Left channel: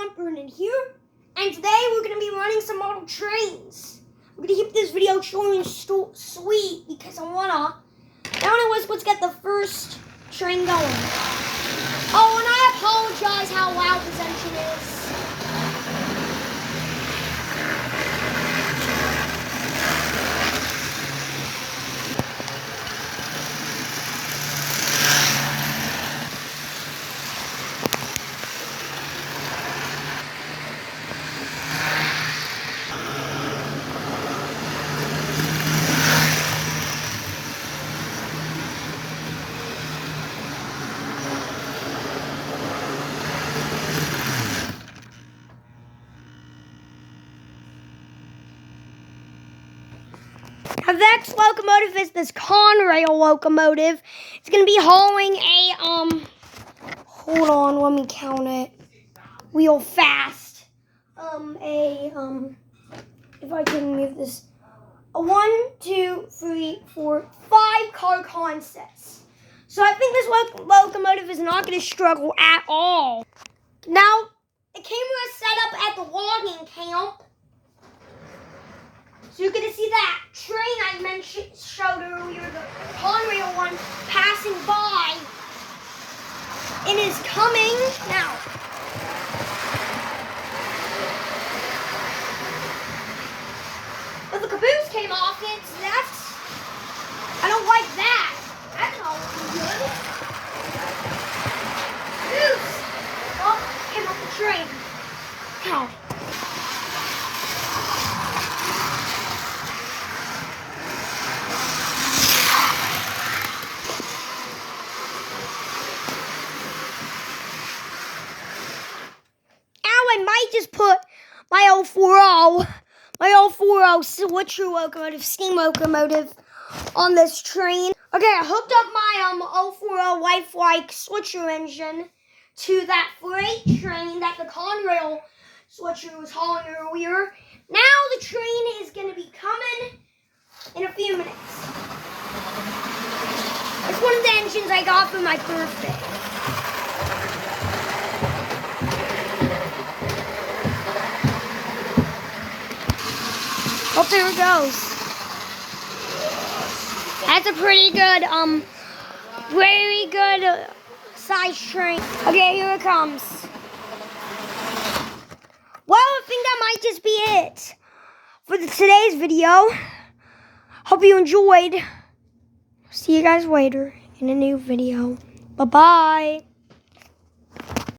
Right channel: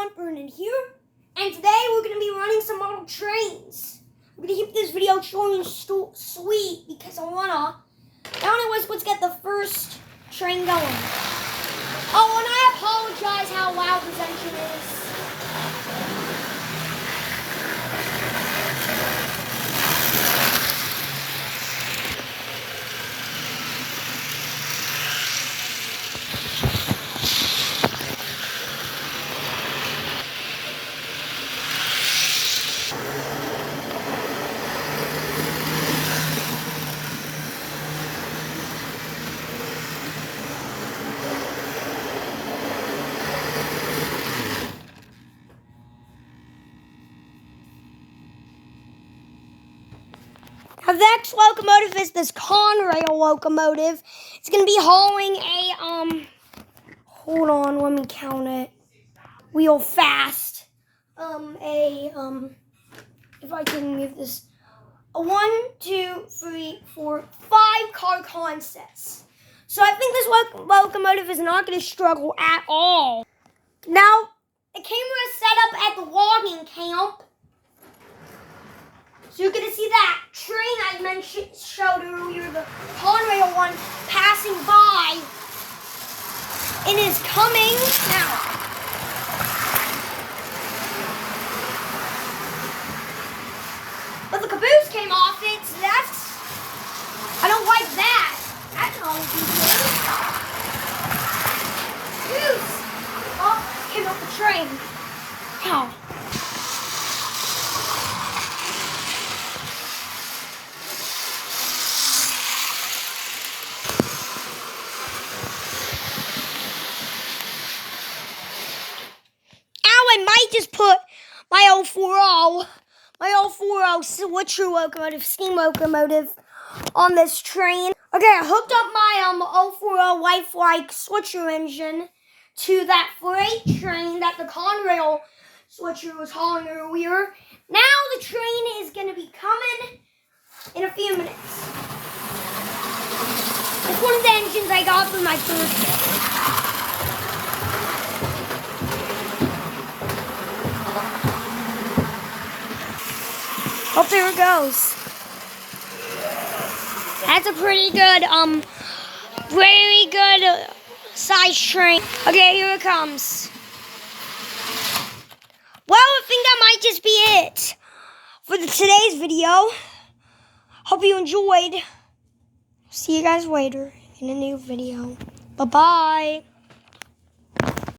everyone, Brandon here, and today we're going to be running some model trains. We're going to keep this video short and sweet because I want to. Now anyways, let's get the first train going. Oh, and I apologize how loud this engine is. The next locomotive is this Conrail locomotive. It's going to be hauling a, hold on, let me count it. Wheel fast. If I can move this. A 1, 2, 3, 4, 5 car consists. So I think this locomotive is not going to struggle at all. Now, the camera is set up at the logging camp. So you're going to see that train I showed earlier, the Conrail one, passing by. It is coming now. But the caboose came off it, so I don't like that. That's not looking good. Caboose! Oh, came off the train. Ow. I might just put my 040 switcher locomotive, steam locomotive on this train. Okay, I hooked up my 040 lifelike switcher engine to that freight train that the Conrail switcher was hauling earlier. Now the train is going to be coming in a few minutes. It's one of the engines I got for my birthday. Oh, there it goes. That's a pretty good, very good size train. Okay, here it comes. Well, I think that might just be it for today's video. Hope you enjoyed. See you guys later in a new video. Bye-bye.